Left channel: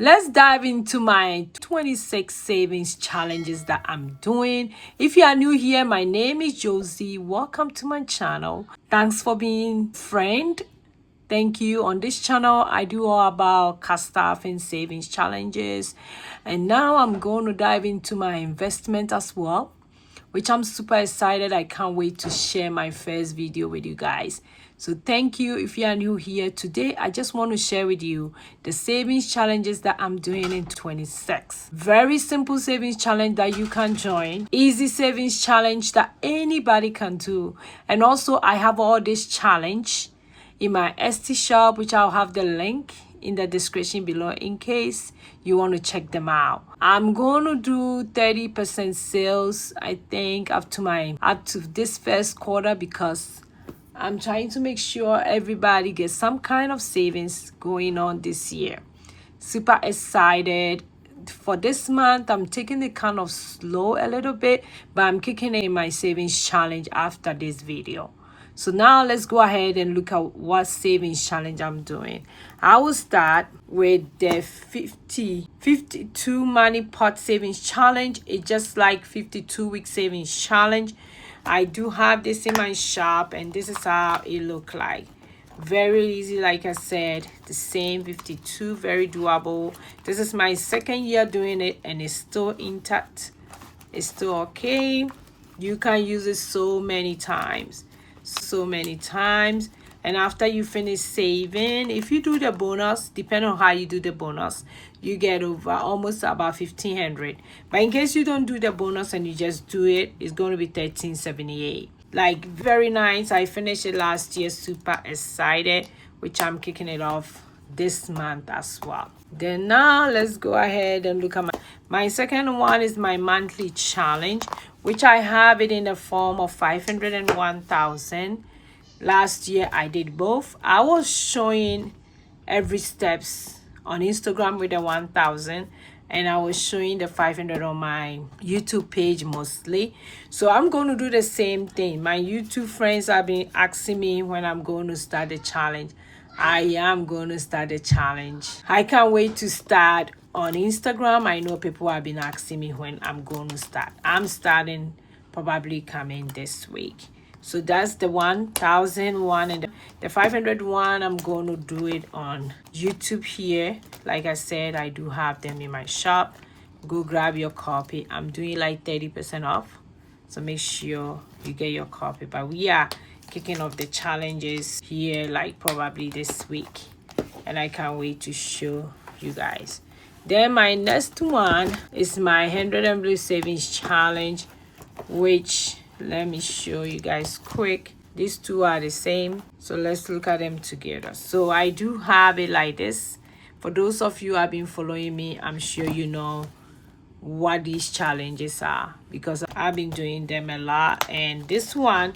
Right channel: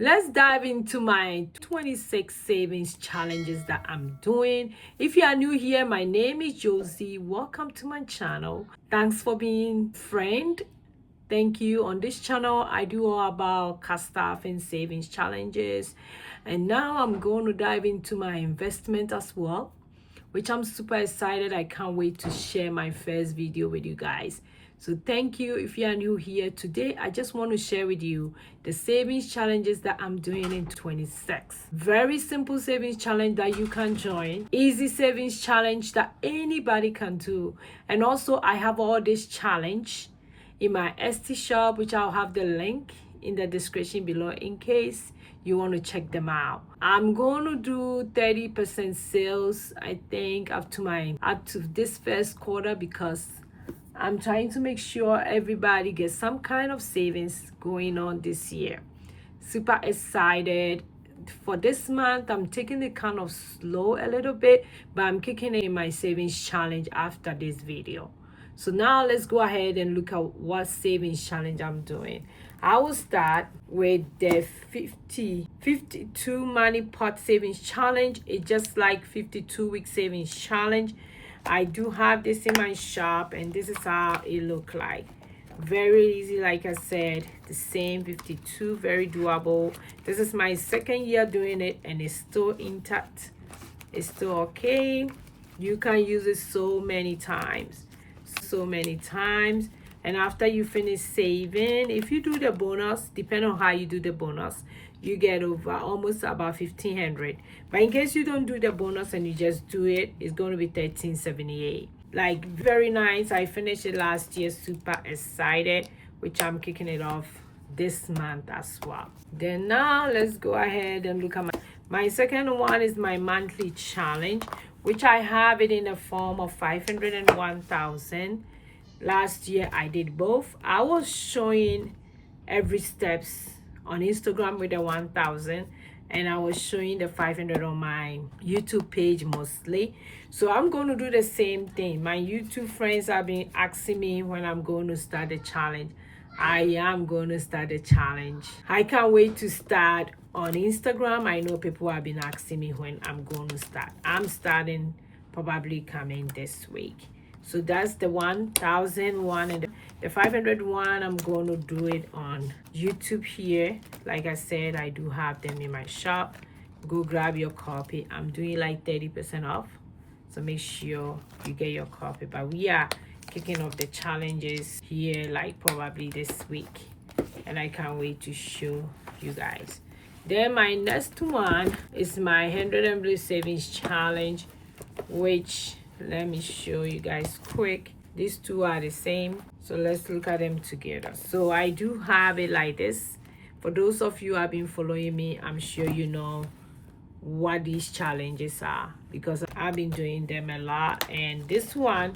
Let's dive into my 26 savings challenges that I'm doing. If you are new here, my name is Josie. Welcome to my channel. Thanks for being friend. Thank you. On this channel, I do all about cash staff and savings challenges. And now I'm going to dive into my investment as well, which I'm super excited. I can't wait to share my first video with you guys. So thank you. If you are new here today, I just want to share with you the savings challenges that I'm doing in 26. Very simple savings challenge that you can join. Easy savings challenge that anybody can do. And also I have all this challenge in my Etsy shop, which I'll have the link in the description below in case you want to check them out. I'm going to do 30% sales, I think, up to this first quarter, because I'm trying to make sure everybody gets some kind of savings going on this year. Super excited. For this month, I'm taking it kind of slow a little bit, but I'm kicking in my savings challenge after this video. So now let's go ahead and look at what savings challenge I'm doing. I will start with the 52 money pot savings challenge. It's just like 52-week savings challenge. I do have this in my shop, and this is how it look like. Very easy, like I said, the same 52, very doable. This is my second year doing it, and it's still intact. It's still okay. You can use it so many times, and after you finish saving, if you do the bonus, depending on how you do the bonus, you get over almost about 1,500. But in case you don't do the bonus and you just do it, it's going to be 1,378. Like, very nice. I finished it last year, super excited, which I'm kicking it off this month as well. Then now let's go ahead and look at my second one is my monthly challenge, which I have it in the form of 501,000. Last year I did both. I was showing every steps on Instagram with the 1,000, and I was showing the 500 on my YouTube page mostly. So I'm going to do the same thing. My YouTube friends have been asking me when I'm going to start the challenge. I am going to start the challenge. I can't wait to start on Instagram. I know people have been asking me when I'm going to start. I'm starting probably coming this week. So that's the 1,001, and the 501. I'm going to do it on YouTube here. Like I said, I do have them in my shop. Go grab your copy. I'm doing like 30% off, so make sure you get your copy. But we are kicking off the challenges here like probably this week, and I can't wait to show you guys. Then my next one is my 100 Blue Savings Challenge, which let me show you guys quick. These two are the same, so let's look at them together. So I do have it like this. For those of you who have been following me, I'm sure you know what these challenges are, because I've been doing them a lot. And this one,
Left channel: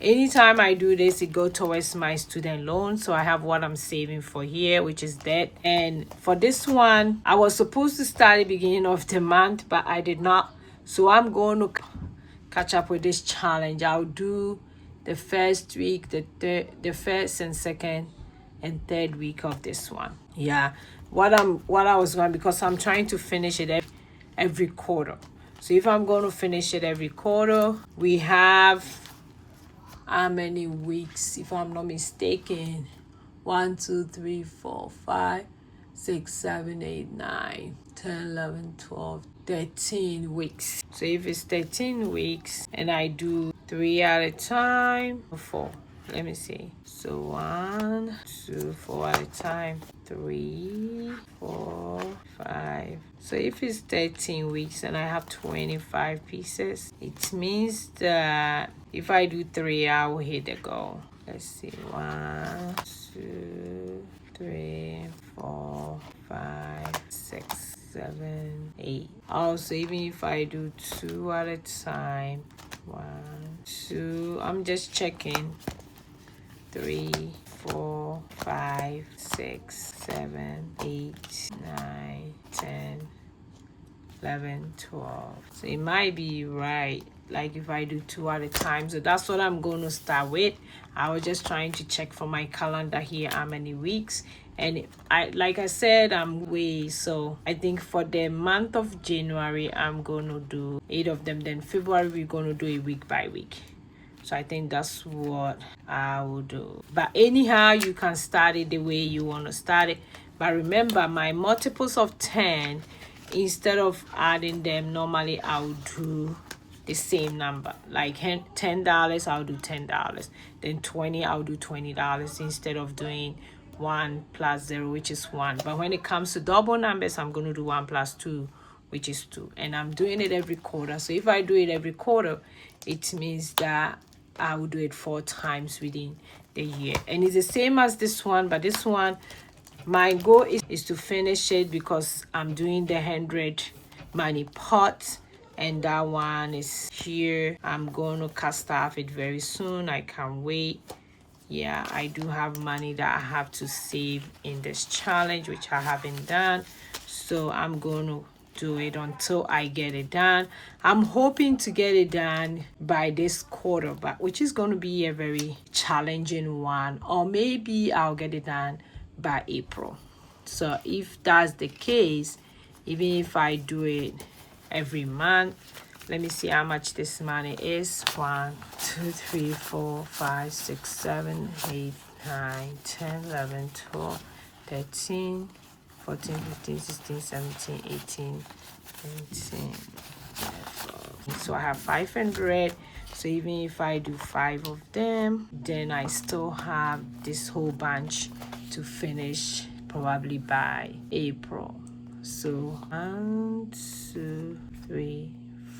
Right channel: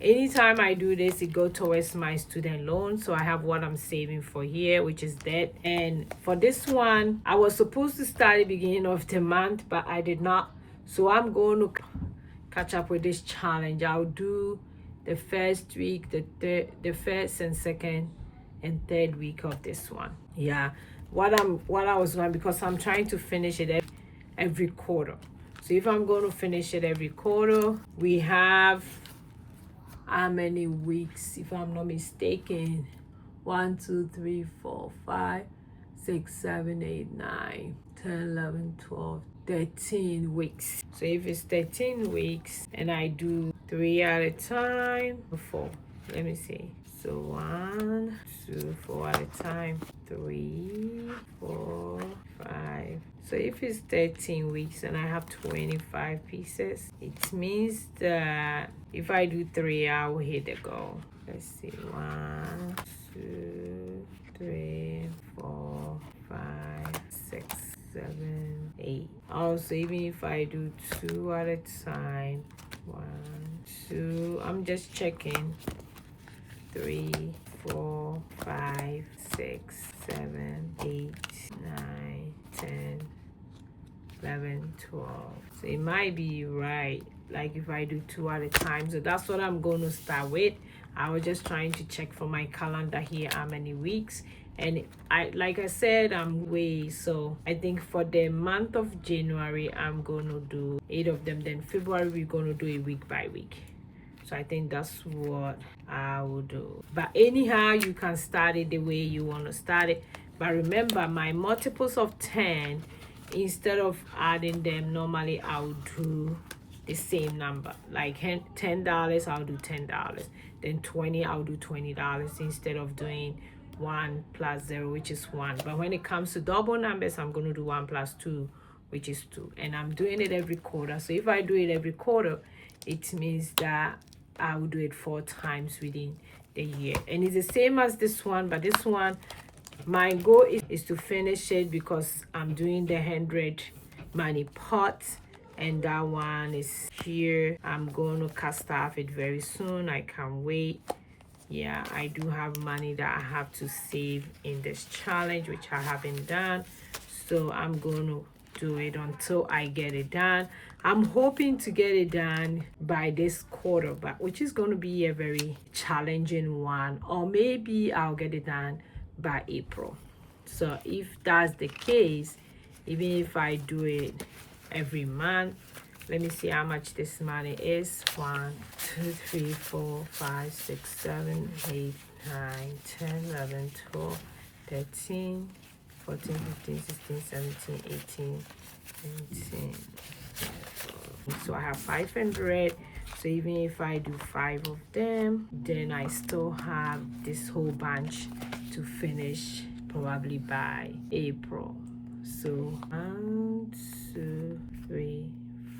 anytime I do this, it goes towards my student loan. So I have what I'm saving for here, which is debt. And for this one, I was supposed to start at the beginning of the month, but I did not. So I'm going to catch up with this challenge. I'll do the first week, the first and second and third week of this one. Yeah, what I was going, because I'm trying to finish it every quarter. So if I'm going to finish it every quarter, we have how many weeks, if I'm not mistaken? 1, 2, 3, 4, 5, 6, 7, 8, 9, 10, 11, 12, 13 weeks. So if it's 13 weeks and I do 3 at a time, 4, let me see. So 1, 2, 4 at a time, 3, 4, 5. So if it's 13 weeks and I have 25 pieces, it means that if I do 3, I will hit the goal. Let's see. 1, 2, 3, 4, 5, 6, 7, 8. Also, even if I do 2 at a time, 1, 2, I'm just checking. 3, 4, 5, 6, 7, 8, 9, 10, 11, 12. So it might be right, like if I do 2 at a time. So that's what I'm going to start with. I was just trying to check for my calendar here how many weeks, And like I said, I'm way, so I think for the month of January I'm gonna do 8 of them, then February we're gonna do it week by week. So I think that's what I will do. But anyhow, you can start it the way you want to start it. But remember, my multiples of 10, instead of adding them, normally I would do the same number. Like $10, I'll do $10. Then 20, I'll do $20 instead of doing 1 plus 0, which is 1. But when it comes to double numbers, I'm going to do 1 plus 2, which is 2. And I'm doing it every quarter. So if I do it every quarter, it means that I will do it 4 times within the year. And it's the same as this one, but this one, my goal is to finish it because I'm doing the 100 money pot, and that one is here. I'm going to cast off it very soon. I can't wait. Yeah, I do have money that I have to save in this challenge, which I haven't done. So I'm going to do it until I get it done. I'm hoping to get it done by this quarter, but which is going to be a very challenging one, or maybe I'll get it done by April. So if that's the case, even if I do it every month, let me see how much this money is. 1 2 3 4 5 6 7 8 9 10 11 12 13 14 15 16 17 18 19. So I have 500. So even if I do 5 of them, then I still have this whole bunch to finish probably by April. So 1 2 3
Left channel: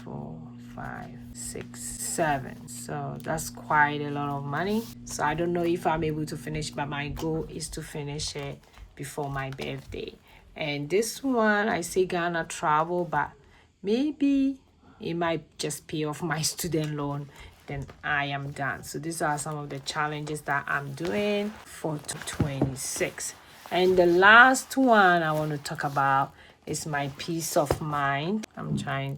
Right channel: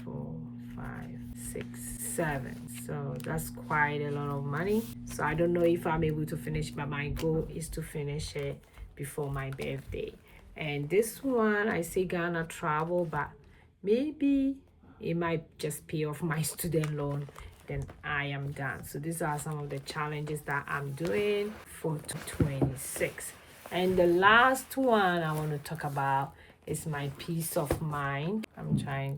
4 5 6 7. So that's quite a lot of money. So I don't know if I'm able to finish, but my goal is to finish it before my birthday. And this one, I say Ghana travel, but maybe it might just pay off my student loan, then I am done. So these are some of the challenges that I'm doing for 2026. And the last one I want to talk about is my peace of mind.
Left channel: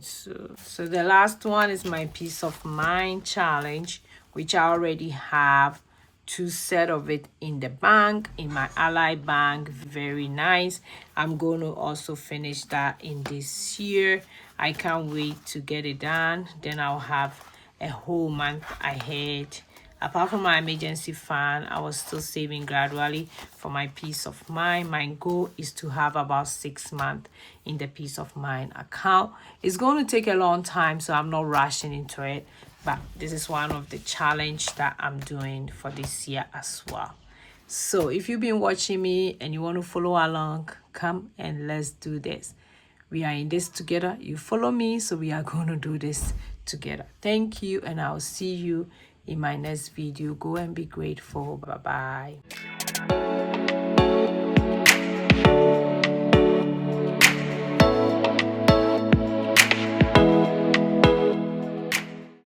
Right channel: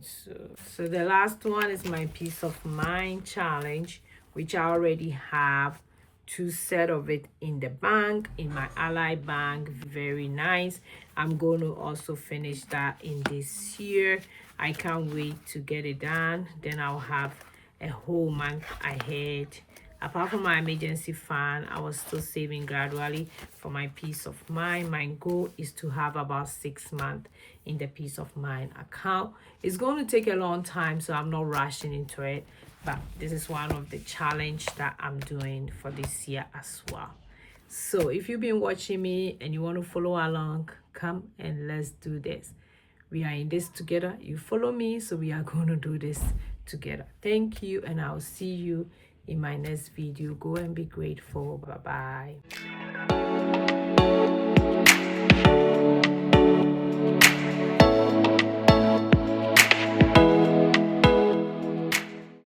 So the last one is my peace of mind challenge, which I already have 2 set of it in the bank, in my Ally Bank. Very nice. I'm going to also finish that in this year. I can't wait to get it done. Then I'll have a whole month ahead. Apart from my emergency fund, I was still saving gradually for my peace of mind. My goal is to have about 6 months in the peace of mind account. It's going to take a long time, so I'm not rushing into it. But this is one of the challenge that I'm doing for this year as well. So if you've been watching me and you want to follow along, come and let's do this. We are in this together. You follow me, so we are going to do this together. Thank you, and I'll see you in my next video. Go and be grateful. Bye-bye.